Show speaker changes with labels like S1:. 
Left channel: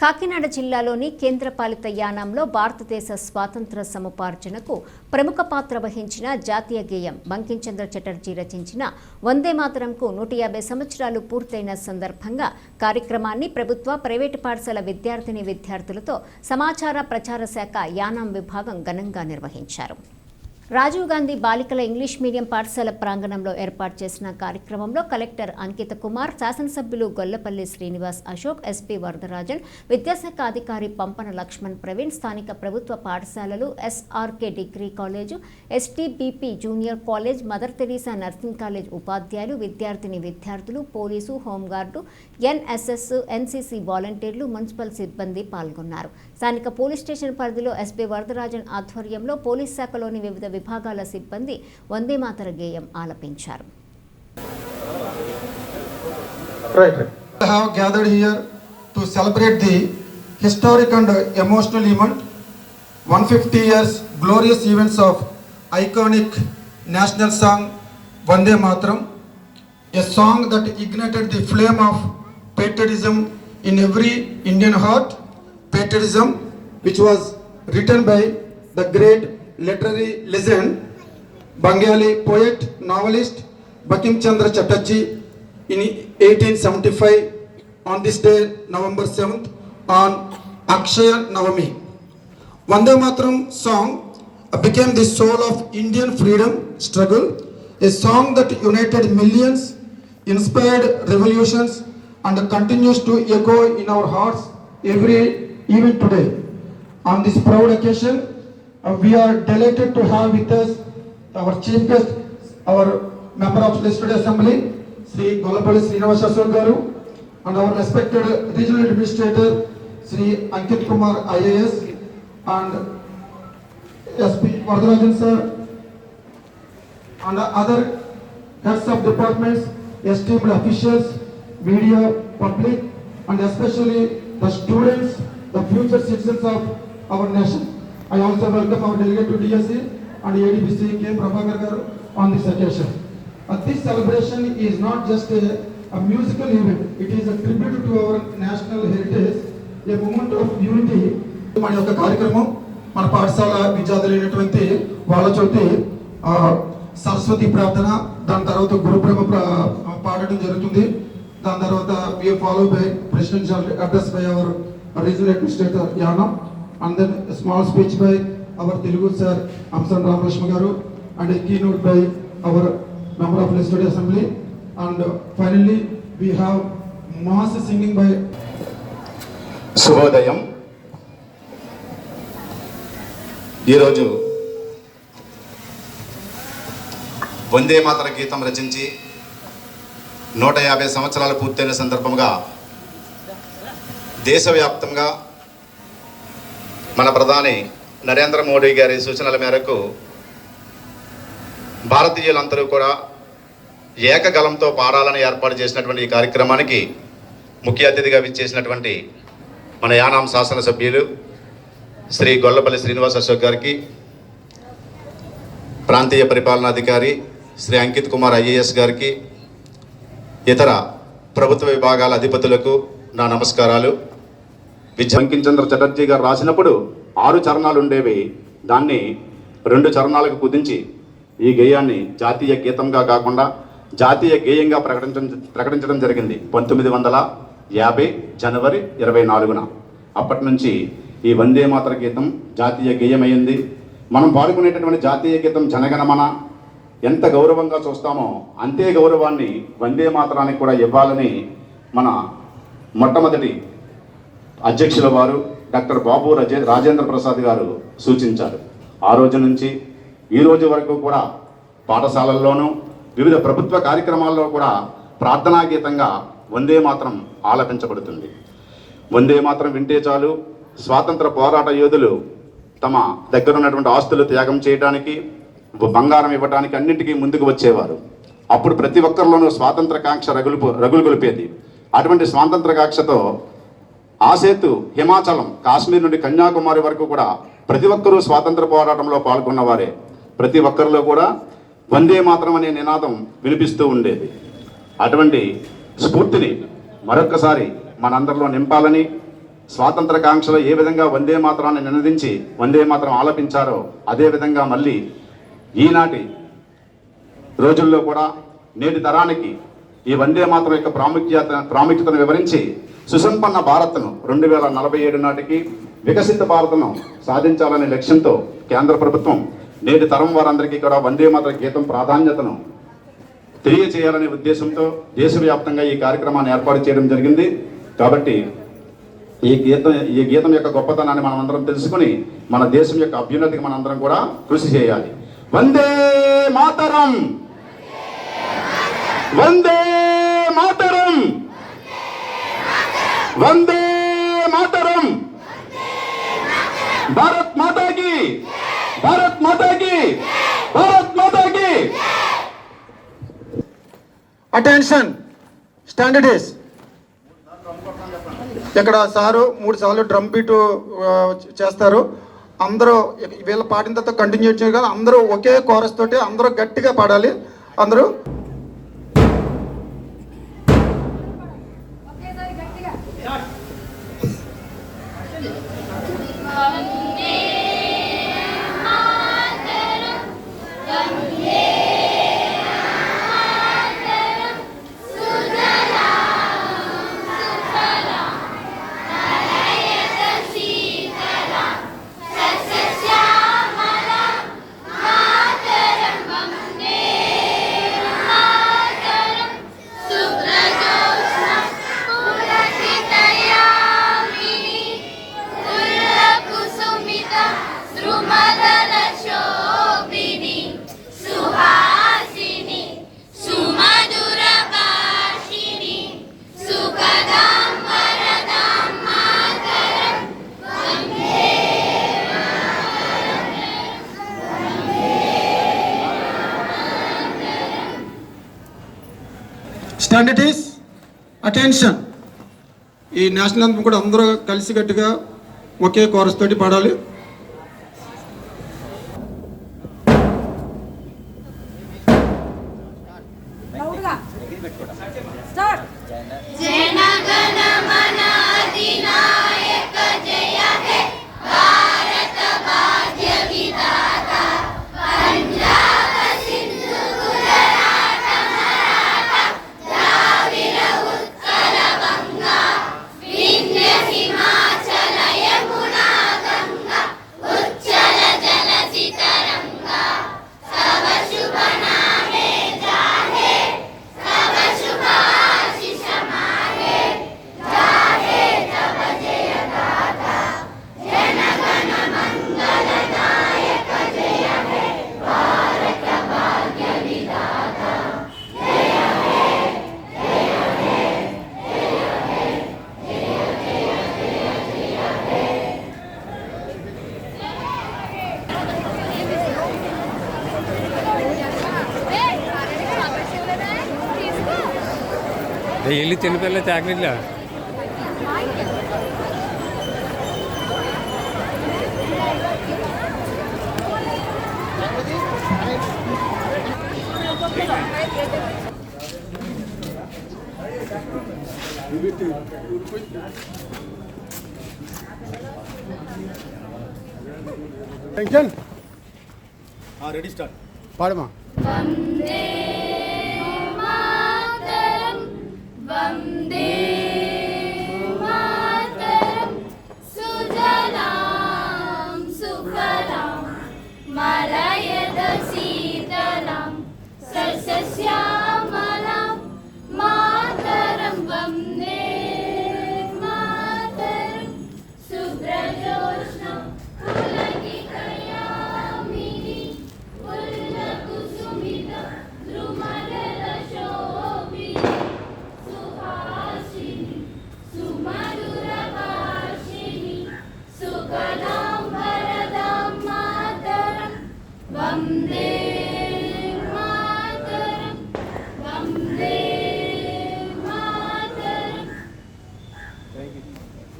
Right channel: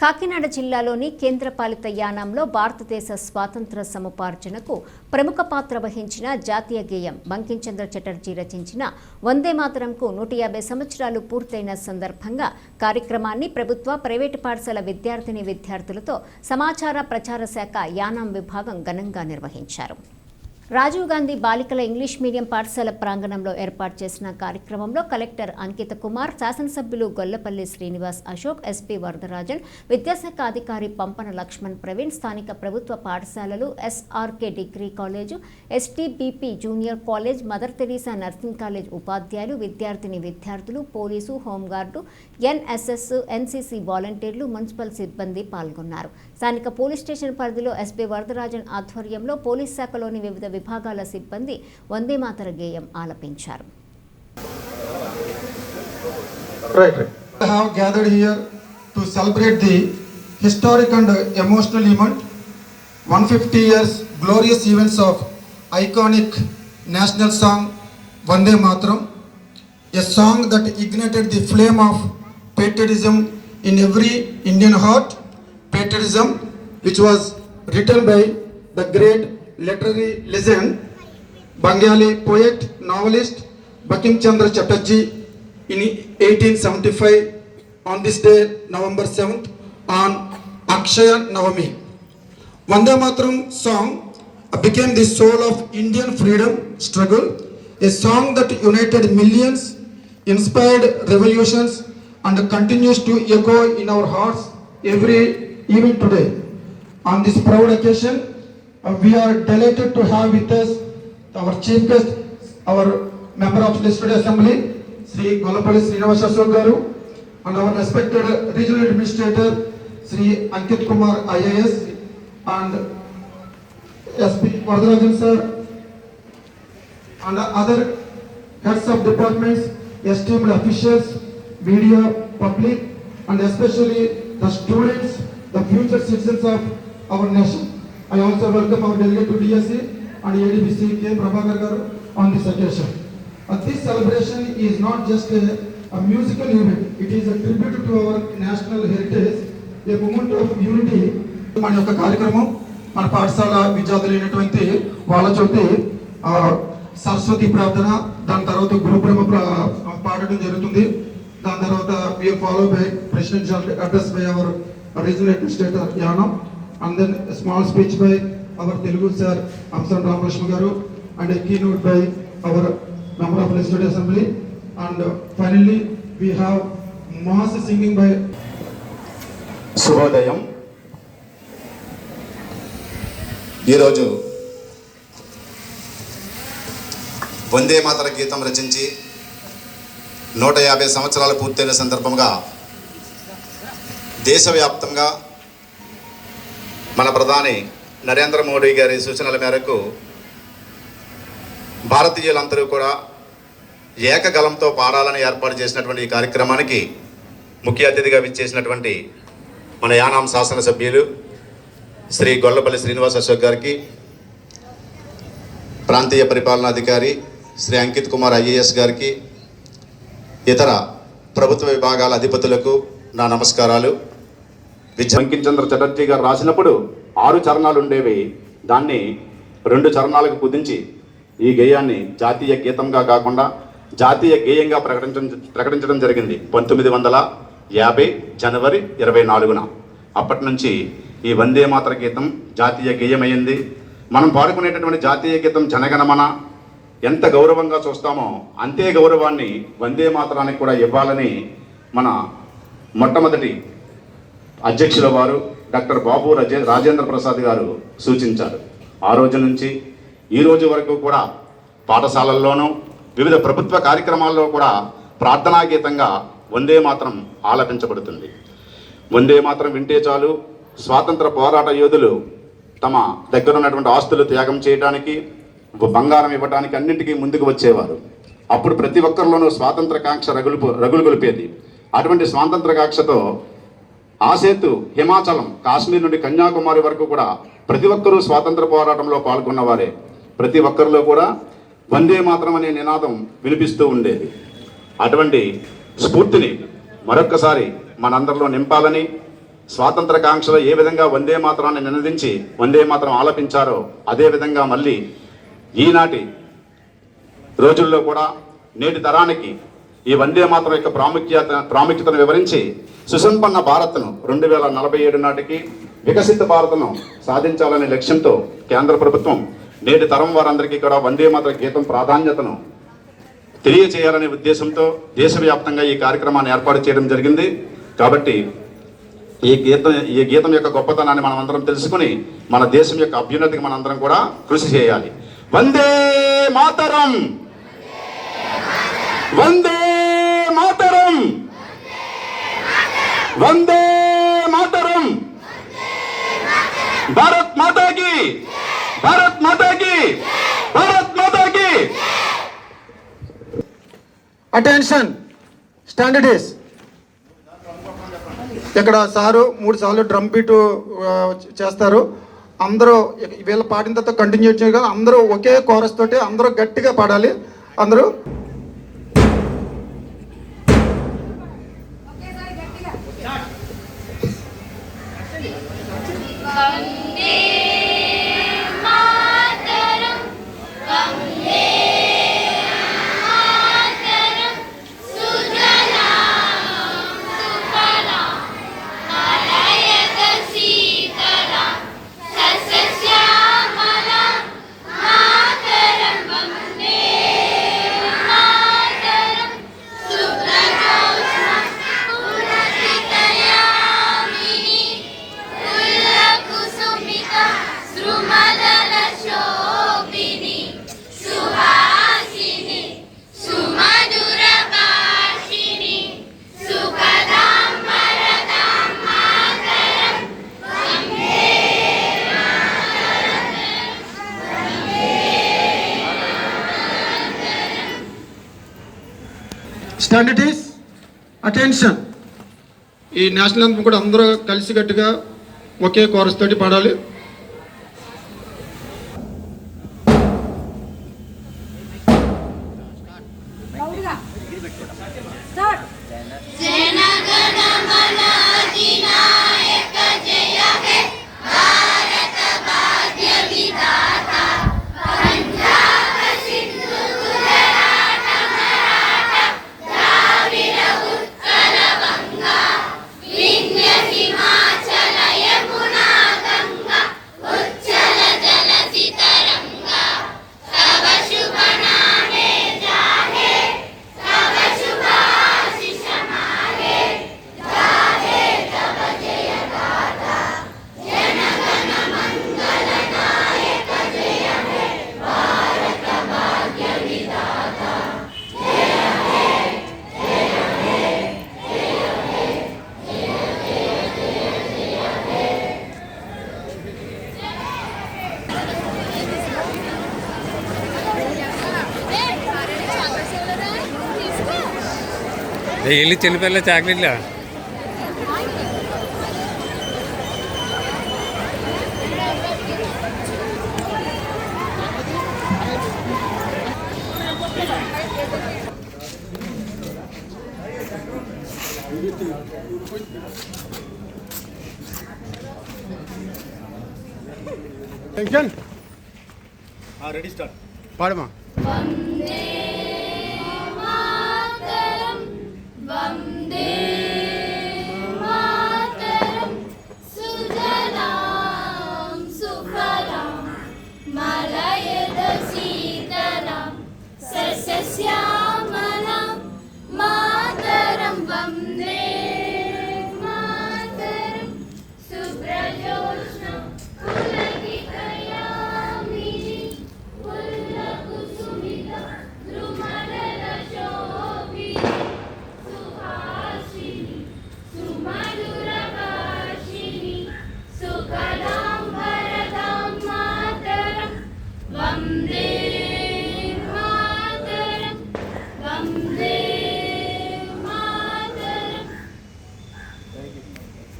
S1: కాకినాడ జిల్లాలోని కేంద్రపాలిత యానాంలో భారతదేశ స్వాతంత్ర సముపార్జనకు ప్రముఖ పాత్ర వహించిన జాతీయ గేయం బంకించంద్ర చటర్జీ రచించిన వందే మాతరంకు నూట యాభై సంవత్సరాలు పూర్తయిన సందర్భంగా కార్యక్రమాన్ని ప్రభుత్వ ప్రైవేటు పాఠశాల విద్యార్థిని విద్యార్థులతో సమాచార ప్రచార శాఖ యానాం విభాగం ఘనంగా నిర్వహించారు రాజీవ్ గాంధీ బాలికల ఇంగ్లీష్ మీడియం పాఠశాల ప్రాంగణంలో ఏర్పాటు చేసిన కార్యక్రమంలో కలెక్టర్ అంకిత కుమార్ శాసనసభ్యులు గొల్లపల్లి శ్రీనివాస్ అశోక్ ఎస్పీ వరదరాజన్ విద్యాశాఖ అధికారి పంపన లక్ష్మణ్ ప్రవీణ్ స్థానిక ప్రభుత్వ పాఠశాలలు SRK degree college STBP junior college Mother Teresa nursing college ఉపాధ్యాయులు విద్యార్థిని విద్యార్థులు police home guard NSS NCC వాలంటీర్లు మున్సిపల్ సిబ్బంది పాల్గొన్నారు స్థానిక పోలీస్ స్టేషన్ పరిధిలో ఎస్పీ వరదరాజన్ ఆధ్వర్యంలో పోలీస్ శాఖలోని వివిధ విభాగాల సిబ్బంది వందేమాతర గేయం ఆలపించారు
S2: have gathered here to celebrate the historic and emotional event 150 years glorious events of iconic national song Vande Matram a song that ignited the flame of patriotism in every Indian heart patriotism which was written by the great Literary legend, Bengali poet, novelist Bankim Chandra Chatterjee in 1875 on this day, November 7th, on Akshaya Navami. Vande Mataram song uh, became the soul of Indian freedom struggle, a song that united millions, inspired revolutions, and continues to echo in our hearts every even today. On this proud occasion, and we are delighted to have with us our chief guest, our member of legislative assembly, Sri Golapalli Srinivasa Garu, and our respected regional administrator, Sri Ankit Kumar IAS, and SP Vardhanajan sir, and other heads of departments, esteemed officials, media, public, and especially the students, the future citizens of our nation. I also welcome our delegate to DSE and ADBC K. Prabhakar Garu on this occasion. But this celebration is not just a, a musical event, it is a tribute to our national heritage, a moment of unity. మన యొక్క కార్యక్రమం మన పాఠశాల విద్యార్థులు అయినటువంటి వాళ్ళ చోటి సరస్వతి ప్రార్థన దాని తర్వాత గురుబ్రహ్మ పాడటం జరుగుతుంది దాని తర్వాత we are follow by presidential address by our regional administrator Yanam అందర్ small speech by our Telugu sir అంశం Ramakrishna garu and key note by our member of legislative assembly and finally we have mass singing by
S3: శుభోదయం ఈరోజు వందే మాతర గీతం రచించి నూట యాభై సంవత్సరాలు పూర్తయిన సందర్భంగా దేశవ్యాప్తంగా మన ప్రధాని నరేంద్ర మోడీ గారి సూచనల మేరకు భారతీయులందరూ కూడా ఏకగలంతో పాడాలని ఏర్పాటు చేసినటువంటి ఈ కార్యక్రమానికి ముఖ్య అతిథిగా విచ్చేసినటువంటి మన యానాం శాసనసభ్యులు శ్రీ గొల్లపల్లి శ్రీనివాస్ అశోక్ గారికి ప్రాంతీయ పరిపాలనాధికారి శ్రీ అంకిత్ కుమార్ ఐఏఎస్ గారికి ఇతర ప్రభుత్వ విభాగాల అధిపతులకు నా నమస్కారాలు బంకించంద్ర చటర్జీ గారు రాసినప్పుడు ఆరు చరణాలు ఉండేవి దాన్ని రెండు చరణాలకు కుదించి ఈ గేయాన్ని జాతీయ గీతంగా కాకుండా జాతీయ గేయంగా ప్రకటించడం ప్రకటించడం జరిగింది పంతొమ్మిది వందల యాభై జనవరి ఇరవై నాలుగున అప్పటి నుంచి ఈ వందే మాతర గీతం జాతీయ గేయమైంది మనం పాడుకునేటటువంటి జాతీయ గీతం జనగణమన ఎంత గౌరవంగా చూస్తామో అంతే గౌరవాన్ని వందే మాతరానికి కూడా ఇవ్వాలని మన మొట్టమొదటి అధ్యక్షుల వారు డాక్టర్ బాబు రజే రాజేంద్ర ప్రసాద్ గారు సూచించారు ఆ రోజు నుంచి ఈ రోజు వరకు కూడా పాఠశాలల్లోనూ వివిధ ప్రభుత్వ కార్యక్రమాల్లో కూడా ప్రార్థనా గీతంగా వందే మాత్రం ఆలపించబడుతుంది వందే మాత్రం వింటే చాలు స్వాతంత్ర పోరాట యోధులు తమ దగ్గర ఉన్నటువంటి ఆస్తులు త్యాగం చేయడానికి బంగారం ఇవ్వడానికి అన్నింటికీ ముందుకు వచ్చేవారు అప్పుడు ప్రతి ఒక్కరిలోనూ స్వాతంత్ర కాంక్ష రగులు రగులు కొలిపేది అటువంటి స్వాతంత్ర కాంక్షతో ఆ సేతు హిమాచలం కాశ్మీర్ నుండి కన్యాకుమారి వరకు కూడా ప్రతి ఒక్కరూ స్వాతంత్ర పోరాటంలో పాల్గొన్నవారే ప్రతి ఒక్కరిలో కూడా వందే మాత్రం అనే నినాదం వినిపిస్తూ ఉండేది అటువంటి స్ఫూర్తిని మరొక్కసారి మనందరిలో నింపాలని స్వాతంత్ర కాంక్షలో ఏ విధంగా వందే మాత్రాన్ని నినదించి వందే మాత్రం ఆలపించారో అదేవిధంగా మళ్ళీ ఈనాటి రోజుల్లో కూడా నేటి తరానికి ఈ వందే మాత్రం యొక్క ప్రాముఖ్యత ప్రాముఖ్యతను వివరించి సుసంపన్న భారత్ను రెండు వేల నలభై ఏడు నాటికి వికసిత భారత్ను సాధించాలనే లక్ష్యంతో కేంద్ర ప్రభుత్వం నేటి తరం వారందరికీ కూడా వందే మాతర గీతం ప్రాధాన్యతను తెలియచేయాలనే ఉద్దేశంతో దేశవ్యాప్తంగా ఈ కార్యక్రమాన్ని ఏర్పాటు చేయడం జరిగింది కాబట్టి ఈ గీతం ఈ గీతం యొక్క గొప్పతనాన్ని మనం అందరం తెలుసుకుని మన దేశం యొక్క అభ్యున్నతికి మనందరం కూడా కృషి చేయాలి వందే మాతరం వందే వందే మాతరం భారత్ మాతాకి భారత్ మాతాకి భారత్ మాతాకి
S4: అటెన్షన్ స్టాండర్డ్ ఇక్కడ సారు మూడు సార్లు డ్రమ్ బీటు చేస్తారు అందరూ వీళ్ళ పాడిన తర్వాత కంటిన్యూ చేయడం అందరూ ఒకే కోరస్ తోటి అందరూ గట్టిగా పాడాలి అందరూ
S5: అండ్ ఇట్
S4: ఈస్ అటెన్షన్ ఈ నేషనల్ కూడా అందరూ కలిసికట్టుగా ఒకే కోరస్ తోటి పాడాలి
S5: ಡೈಲಿ
S6: ತಿನ್ನಬೇಕಲ್ಲ ಚಾಕ್ಲೇಟ್ಲ ಟೆನ್ಷನ್
S4: ಹಾಂ
S3: ರೆಡಿ ಸ್ಟಾರ್ಟ್
S4: பாடுமா
S5: 家。